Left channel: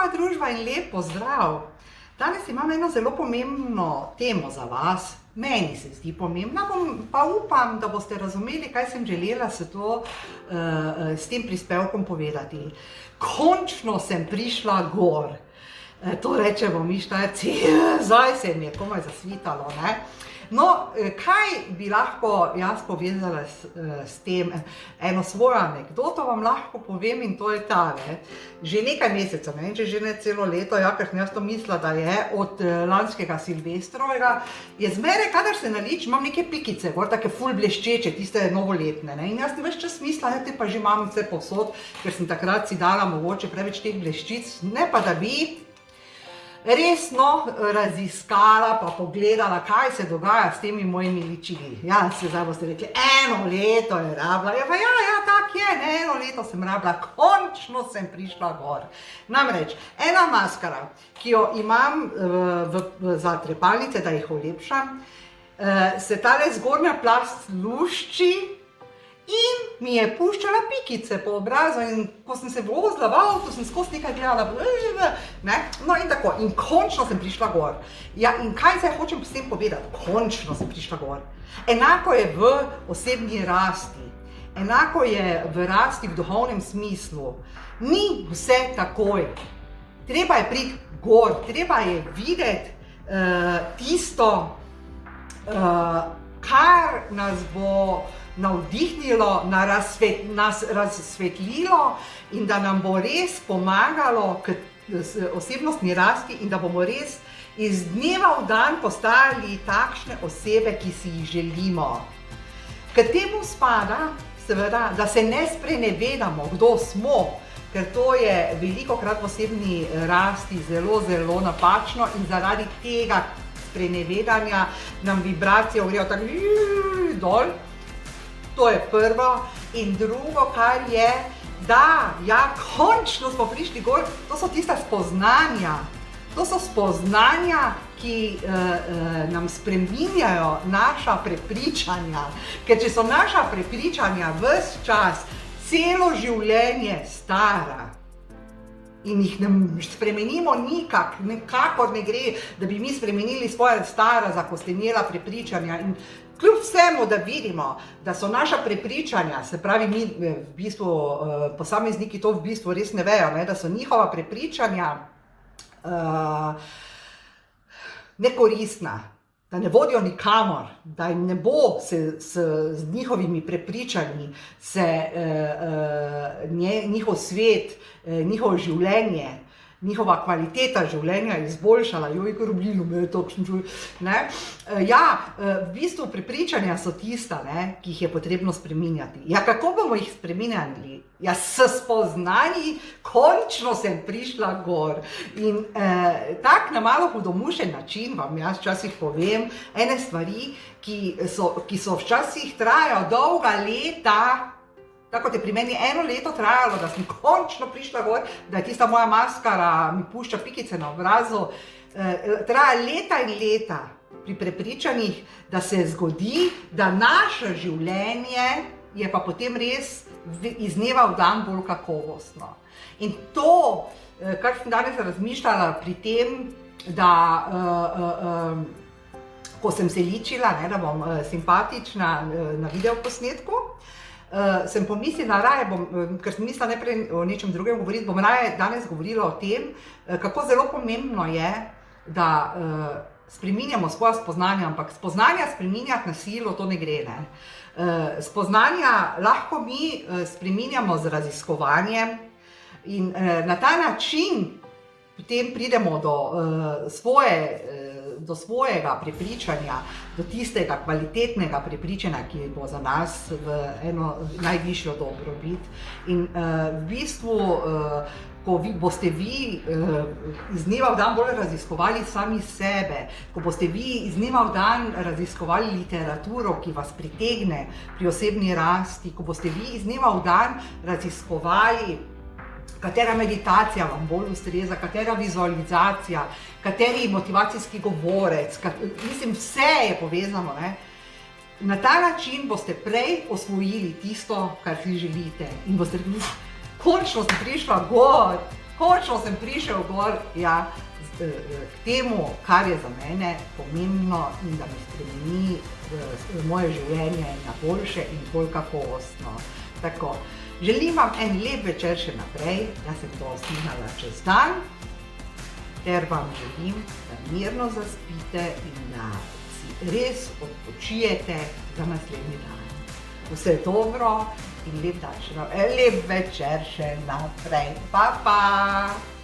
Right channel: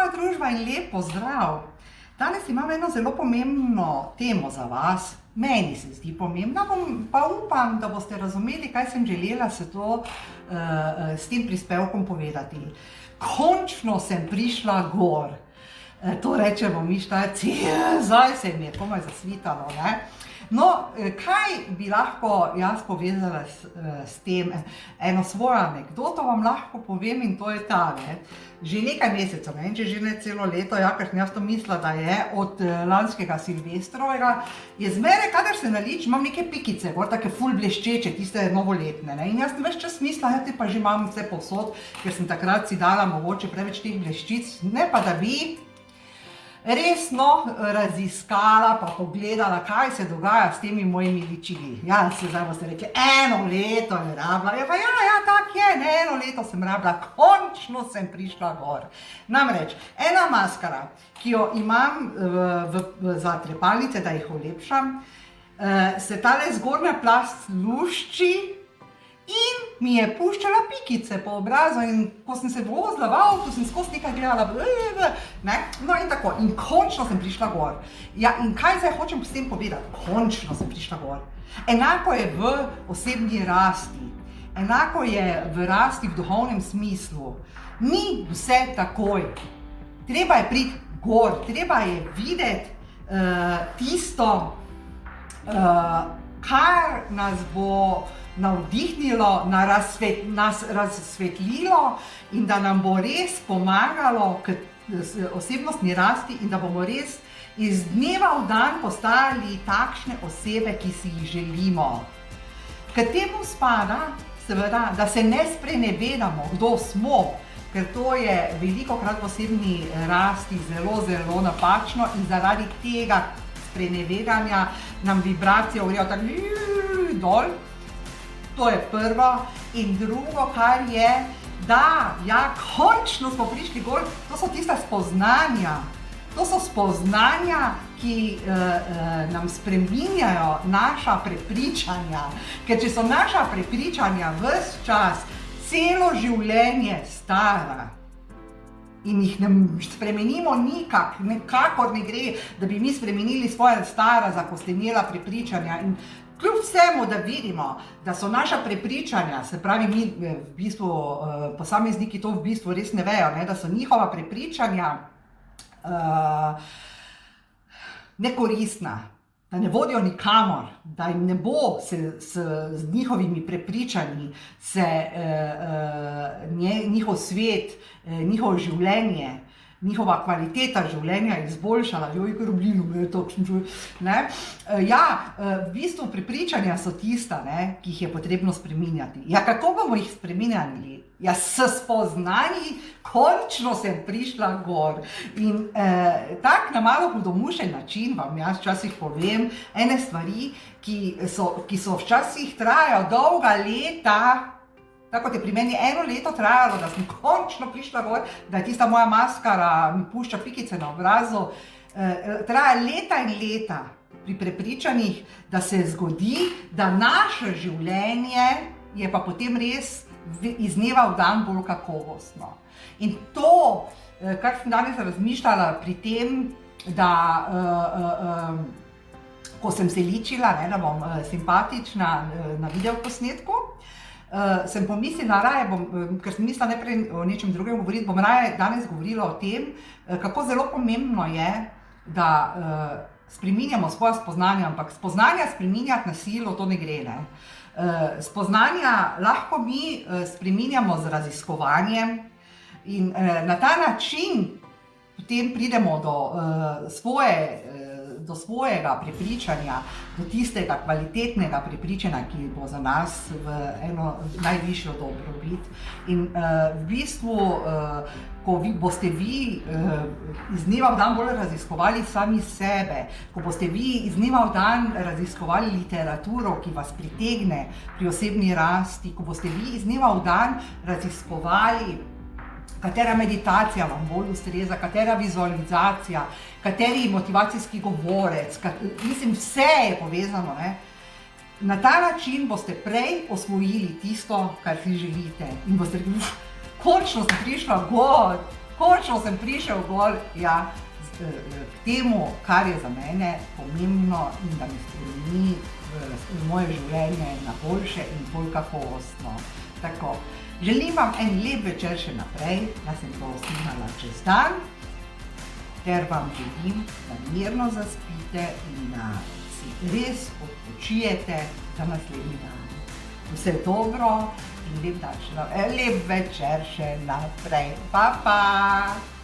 moja družba in lep pozdrav! Danes imam eno zelo pomembno temo za vas. Meni se zdi pomembna, pa upam, da boste razumeli, kaj sem želela s tem prispevkom povedati. Končno sem prišla gor. To rečemo mi Štajerci, zdaj se mi je komaj zasvitalo, ne? No, kaj bi lahko jaz povezala s tem? Eno svojo anekdoto vam lahko povem in to je ta, ne? Že nekaj mesecev, ne vem, če že ne celo leto, ja, ker sem jaz to mislila, da je od lanskega Silvestrovega, je zmeraj, kadar se nalič, imam neke pikice, gor take ful bleščeče, tiste novoletne, ne? In jaz sem ves čas mislila, ja, te pa že imam vse povsod, ker sem takrat si dala mogoče preveč teh bleščic, ne pa da bi resno raziskala pa pogledala, kaj se dogaja s temi mojimi ličili. Ja, se zdaj boste rekli, eno leto je rabila. Ja, pa ja, tak je, ne, eno leto sem rabila, končno sem prišla gor. Namreč, ena maskara, ki jo imam za trepalnice, da jih olepšam, se tale zgornja plast lušči in mi je puščala pikice po obrazu in ko sem se vozila v avtu, sem skozi nekaj gledala, ne? No in tako, in končno sem prišla gor. Ja, in kaj zdaj hočem s tem povedati? Končno sem prišla gor. Enako je v osebni rasti, enako je v rasti v duhovnem smislu. Ni vse takoj. Treba je priti gor, treba je videti tisto, kar nas bo navdihnilo, nas razsvetlilo in da nam bo res pomagalo k osebnostni rasti in da bomo res iz dneva v dan postajali takšne osebe, ki si jih želimo. K temu spada, seveda, da se ne sprenevedamo, kdo smo, ker to je velikokrat v osebni rasti zelo, zelo napačno in zaradi tega sprenevedanja nam vibracije grejo tako dol. To je prvo. In drugo, kar je, da, ja, končno smo prišli gor, to so tista spoznanja. To so spoznanja, ki nam spreminjajo naša prepričanja. Ker če so naša prepričanja ves čas, celo življenje stara in jih ne spremenimo nikakor ne gre, da bi mi spremenili svoja stara, zakostenela prepričanja. In kljub vsemu, da vidimo, da so naša prepričanja, se pravi, mi v bistvu, posamezniki to v bistvu res ne vejo, ne, da so njihova prepričanja nekoristna, da ne vodijo nikamor, da jim ne bo z njihovimi prepričanji njihov svet, njihovo življenje, njihova kvaliteta življenja izboljšala. Joj, ker oblilo me je točno čuj. Ja, v bistvu prepričanja so tista, ne, ki jih je potrebno spreminjati. Ja, kako bomo jih spreminjali? Ja, s spoznanji, končno sem prišla gor. In tak na malo hudomušen način vam jaz včasih povem ene stvari, ki so včasih trajajo dolga leta. Tako kot je pri meni eno leto trajalo, da sem končno prišla gor, da je tista moja maskara mi pušča pikice na obrazu. Traja leta in leta pri prepričanjih, da se zgodi, da naše življenje je pa potem res iz dneva v dan bolj kakovostno. In to, kar sem danes razmišljala pri tem, da ko sem se ličila, ne, da bom simpatična na videoposnetku, sem pomislila, ker sem mislila najprej o nečem drugem govoriti, bom raje danes govorila o tem, kako zelo pomembno je, da spreminjamo svoja spoznanja, ampak spoznanja spreminjati na silo, to ne gre, ne. Spoznanja lahko mi spreminjamo z raziskovanjem in na ta način potem pridemo do svojega prepričanja, do tistega kvalitetnega prepričanja, ki bo za nas v eno najvišjo dobrobit. In v bistvu, ko boste vi iz dneva v dan bolj raziskovali sami sebe, ko boste vi iz dneva v dan raziskovali literaturo, ki vas pritegne pri osebni rasti, ko boste vi iz dneva v dan raziskovali, katera meditacija vam bolj ustreza, katera vizualizacija, kateri motivacijski govorec, mislim, vse je povezano, ne? Na ta način boste prej osvojili tisto, kar si želite in boste rekli, končno sem prišla gor, Končno sem prišel gor, ja, k temu, kar je za mene pomembno in da mi spremeni moje življenje na boljše in bolj kakovostno. Tako, želim vam en lep večer še naprej, jaz sem to snimala čez dan, ter vam želim, da mirno zaspite in da si res odpočijete za naslednji dan. Vse dobro in lep večer še naprej. Pa, pa!